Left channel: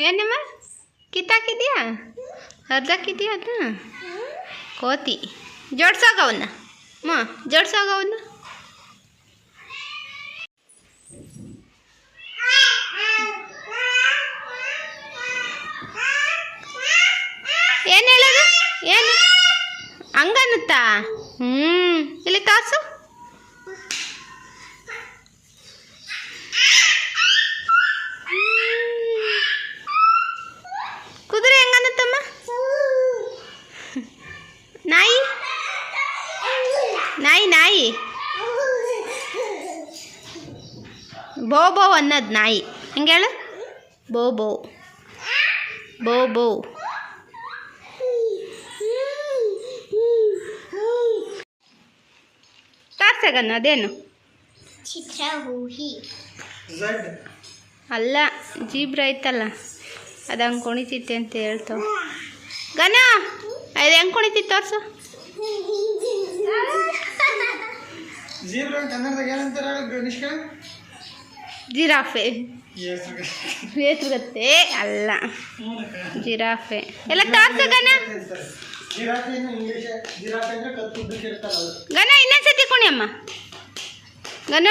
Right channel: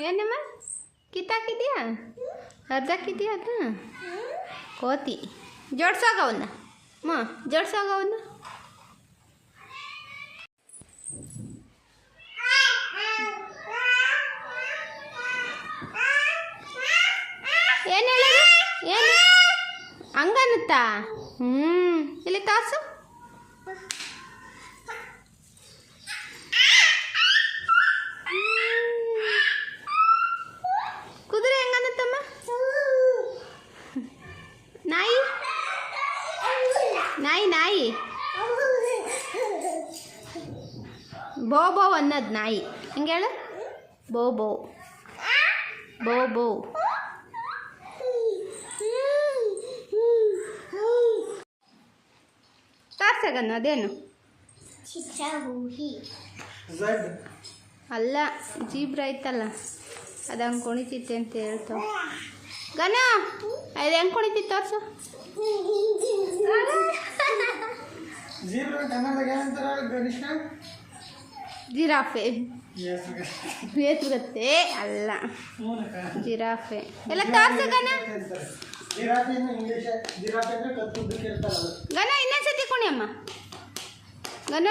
ಏನಮ್ಮ ಕಿತ್ತಾಕಿದ್ಯಾ ಅರ್ಧಕ್ಕಿದ್ಯಾ ಅದನ್ನ ಕೋತಿ ಜೋಡ್ಸೋಗವನ್ನ ಜೋಡ್ಸೋಗವನ್ನ ಏನು ಹೇಳೋದು ಏನು ಹಂಗನ್ನುತ್ತಾ ಇಲ್ಲಿ ತಾಸು ಕುದುರೆ ಹೆಂಗನ್ನುತ್ತಮ್ಮ ನಾಯಿ ನಾಯಿ ನಾಯಿ ಬೋ ಬೋ ಅನ್ನೋದು ನಾಯಿ ಹೆಂಗೆ ಹೇಳು ಬೋ ಬೋ ಬೋ ಬೋ ತಾರ್ಸಗನ್ನು ಅದೇನು ಅಲ್ಲ ಜೀಬ್ರ ಐತಲ್ಲ ಅದು ಹಂಗೆ ಕುಣಿತಿತ್ತೆ ಅಂತ ಹೇಳ್ತಾವ ಗನ ಅದು ಹೆಂಗೆ ಕುಣಿತಿತ್ತು ತೋರ್ಸು ಜಿರಾಫೆ ಹೆಸ್ರುಗತ್ತೆ ಅಲ್ಲ ಜಿರಾಫೆ ಎಲ್ಲ ತೋರ್ಸಗನ ಗನ ಇನ್ನೊಂದ್ಸತಿ ಕುಣಿಯಮ್ಮ ಗನ